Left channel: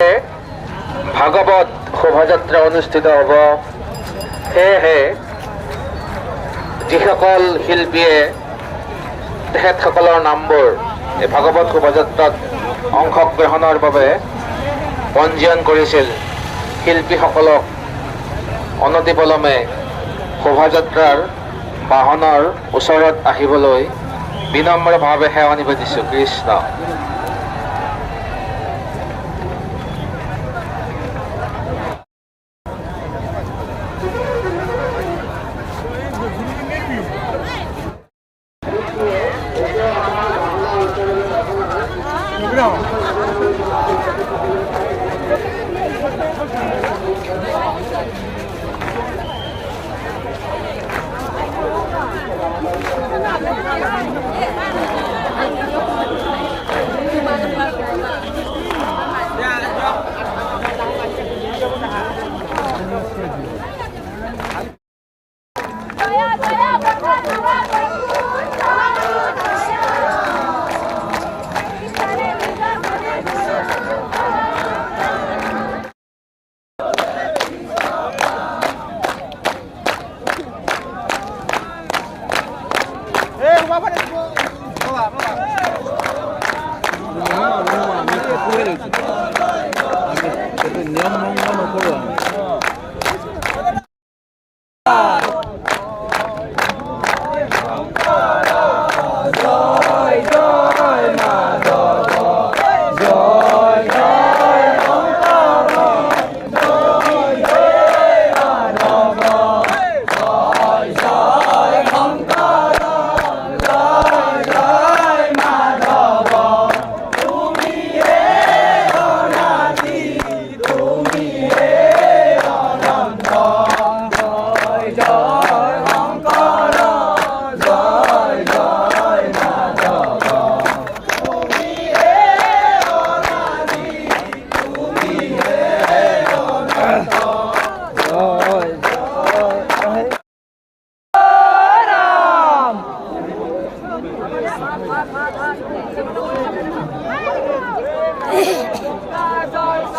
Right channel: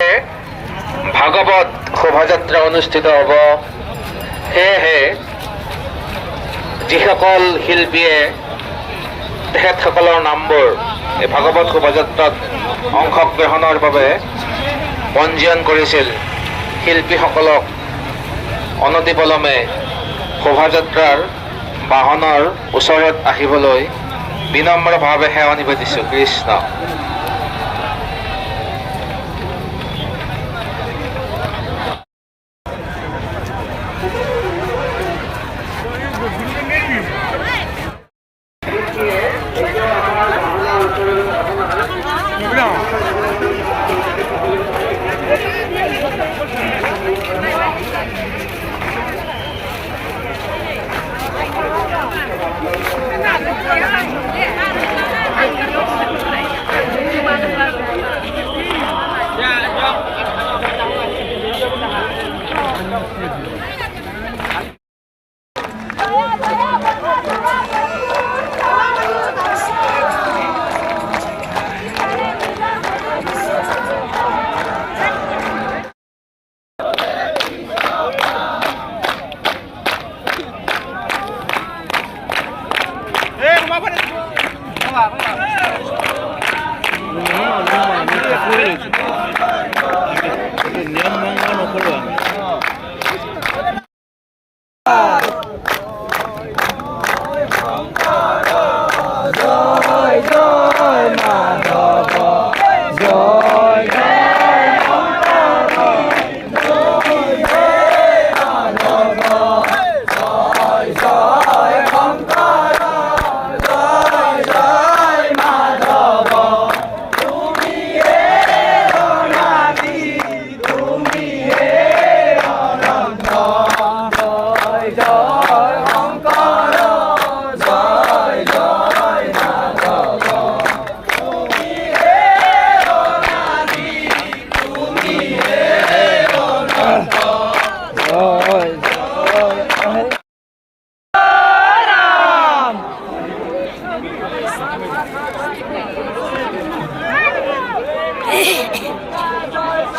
ভাগৱত শোভাযাত্ৰা অনুষ্ঠিত হ'ব। সেয়েহে যিসকল শিল্পীয়ে তেখেতসকলৰ নামবোৰ এই ভাগৱত শোভাযাত্ৰাত অংশগ্ৰহণৰ বাবে পঞ্জীয়ন কৰিছিল, শিল্পীসকলক অনতিপলমে শোভাযাত্ৰাৰ বাহনৰ ওচৰত আহিবলৈ বিনম্ৰভাৱে সেৱা নিবেদিছোঁ। কৃষ্ণ।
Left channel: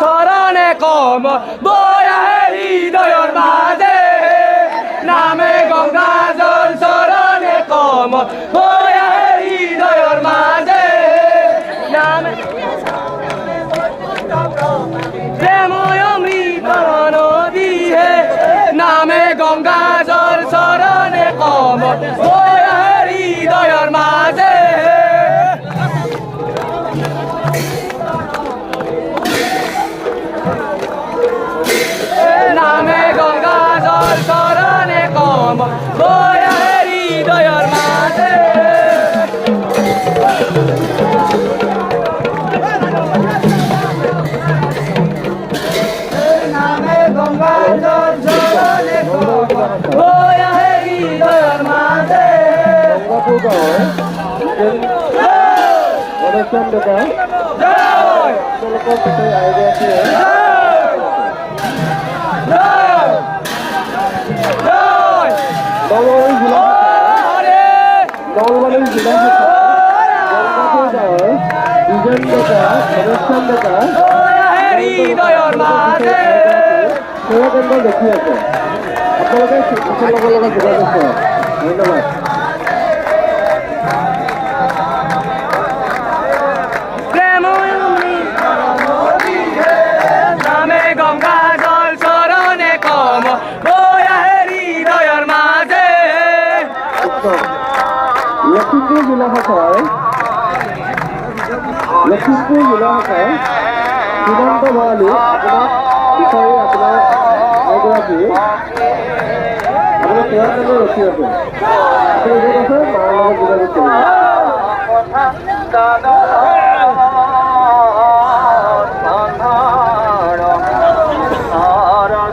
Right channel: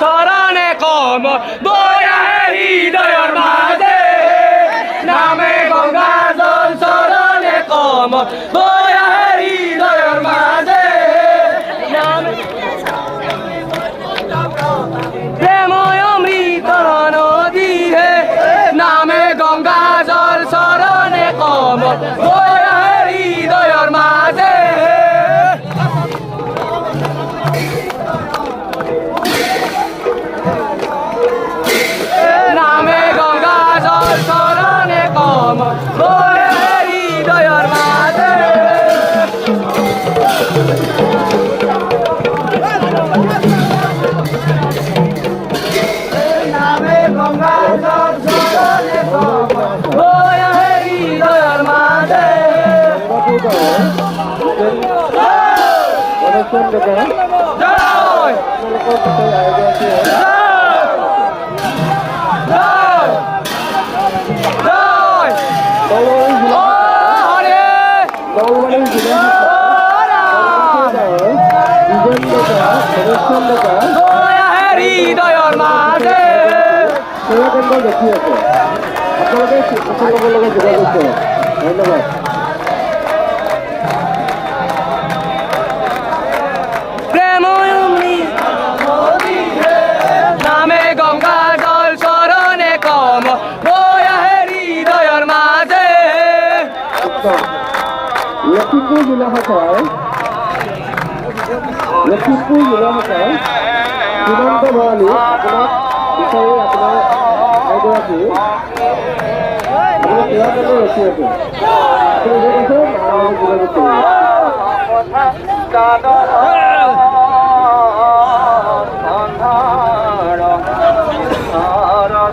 চরণে কম বয়া হৃদয়র মাঝে নামে গঙ্গা জল চরণে কম বয়া হৃদয়র মাঝে নামে প্রেময় অমৃত নদী হে নামে গঙ্গা জল চরণে কম বয়া হৃদয়র মাঝে নামে গঙ্গা জল চরণে কম বয়া হৃদয়র মাঝে নামে গঙ্গা জল চরণে কম বয়া হৃদয়র মাঝে হৃদয়র মাঝে দেখি আছে আপোনালোকে ধন্যবাদ। নামে গঙ্গা জল চরণে কম বয়া হৃদয়র মাঝে লখিমপুৰ জিলা শাখাৰ সীমান্ত ভৰালী আপোনাক বিচাৰি আপোনাৰ এগৰাকী আপোনাৰ সেৱাৰ কাৰণে ৰখি আছে।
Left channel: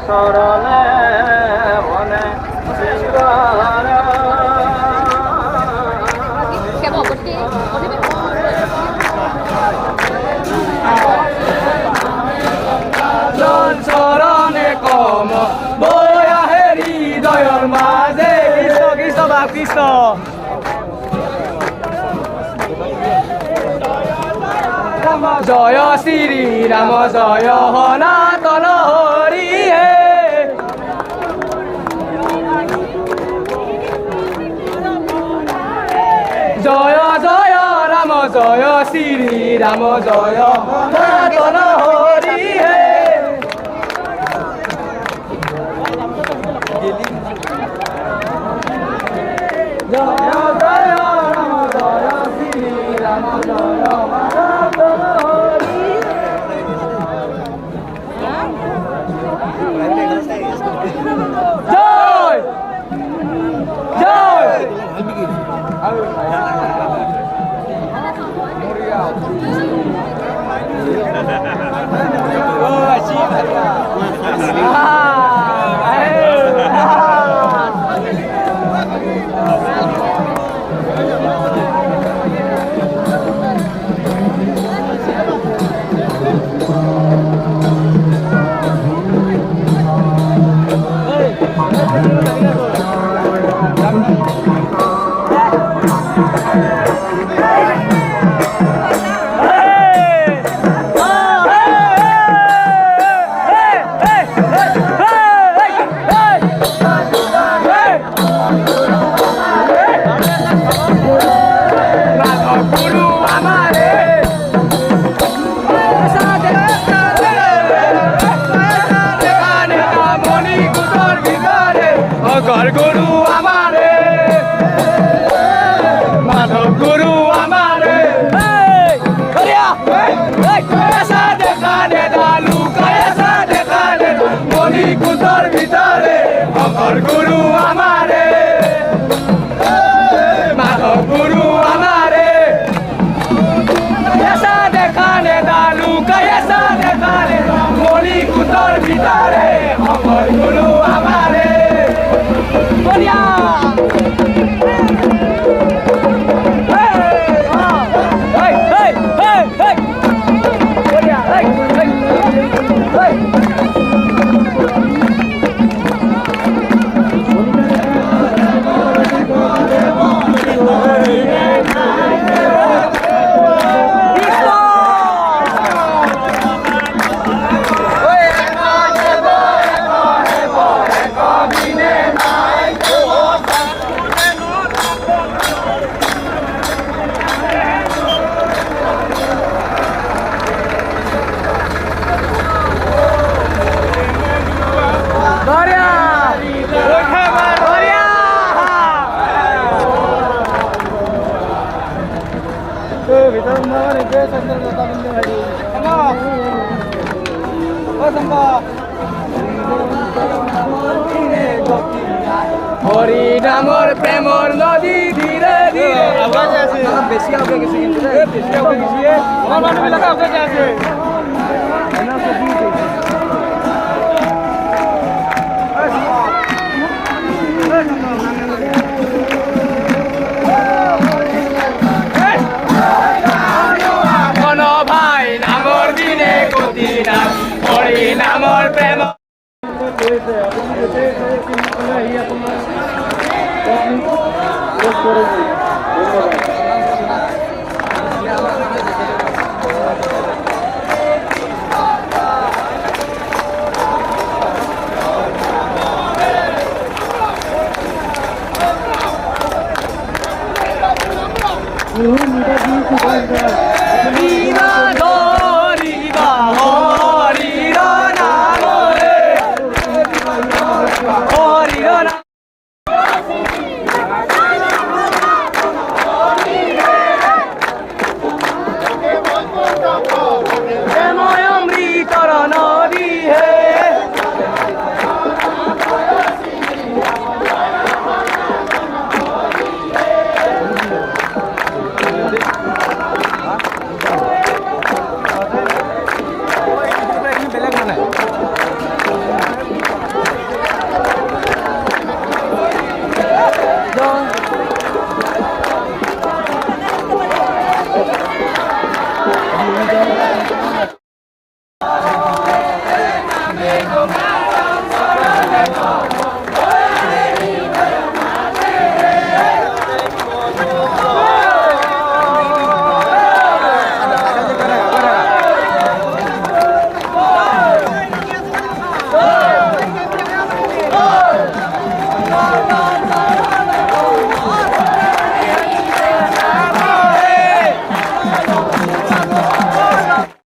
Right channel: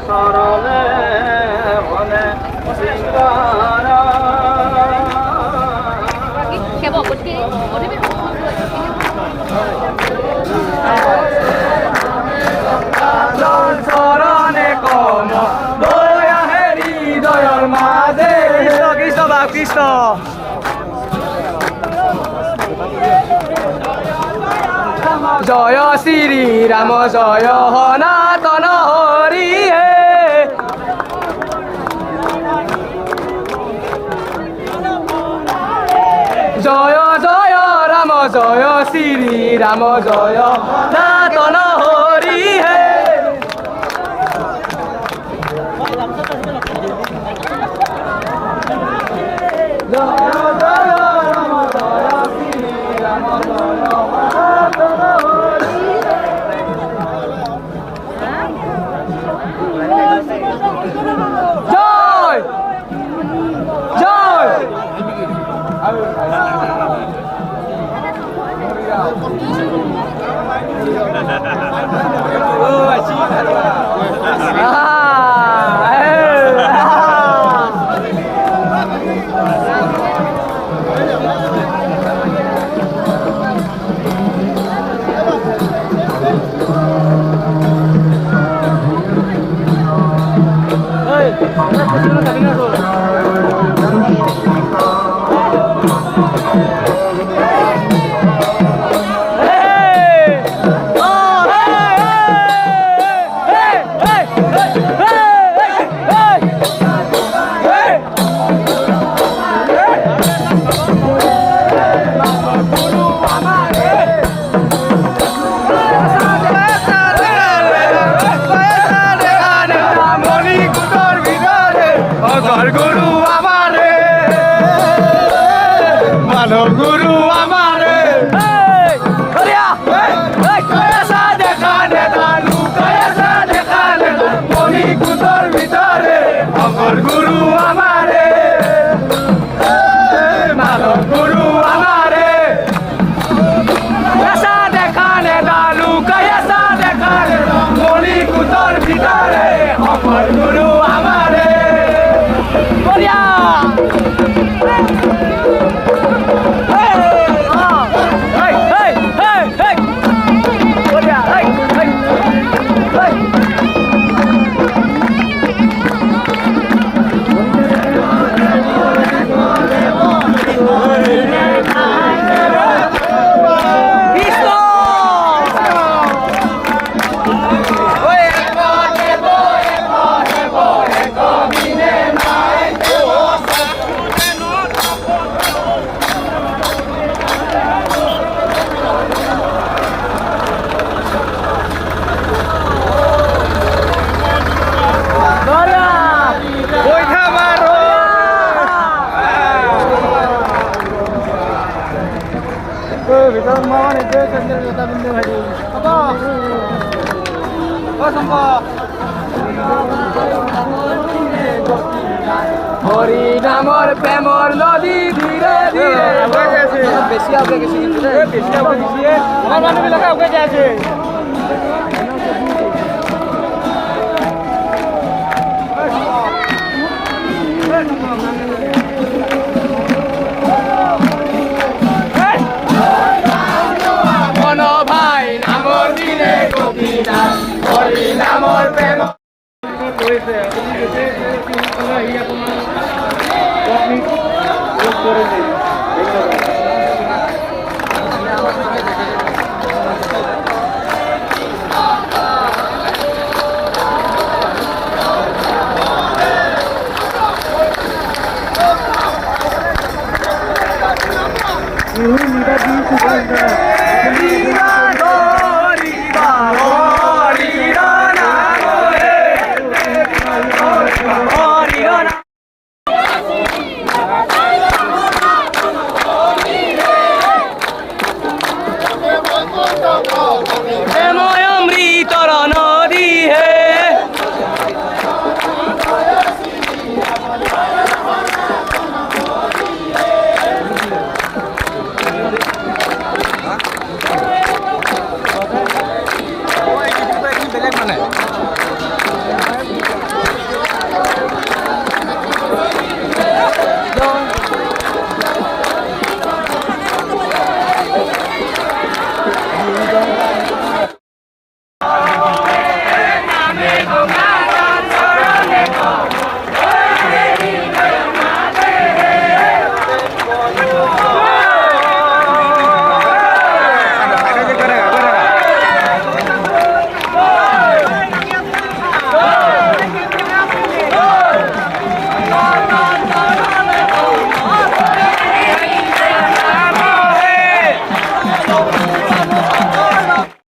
চরণে মনে চরণে কম বয়া হৃদয়র মাঝে কৃষ্ণ বাপ কৃষ্ণ জয় শ্রী রাম জয় সনাতন হরি হে জয় জয় রাম জয় শ্রী রাম জয় সনাতন হরি হে জয় জয় রাম জয় শ্রী রাম জয় সনাতন হরি জয় জয় গুরু আমারে মাধব গুরু আমারে এসা দেখা নেতা লুক এসা দেখা নেতা মনি কুতর ভিতরে অমর গুরু আমারে মাধব গুরু আমারে এসা দেখা নেতা লুক এসা দেখা নেতা মনি কুতর ভিতরে অমর গুরু আমারে Korea! Hey, hey, hey, hey! Korea, hey, hey, hey! Hari নামৰ প্ৰেমৰ নদী ধীৰে ধীৰে বেছি আগে ভাই নামৰ দিনে গতি নাম হৰি নামৰ প্ৰেম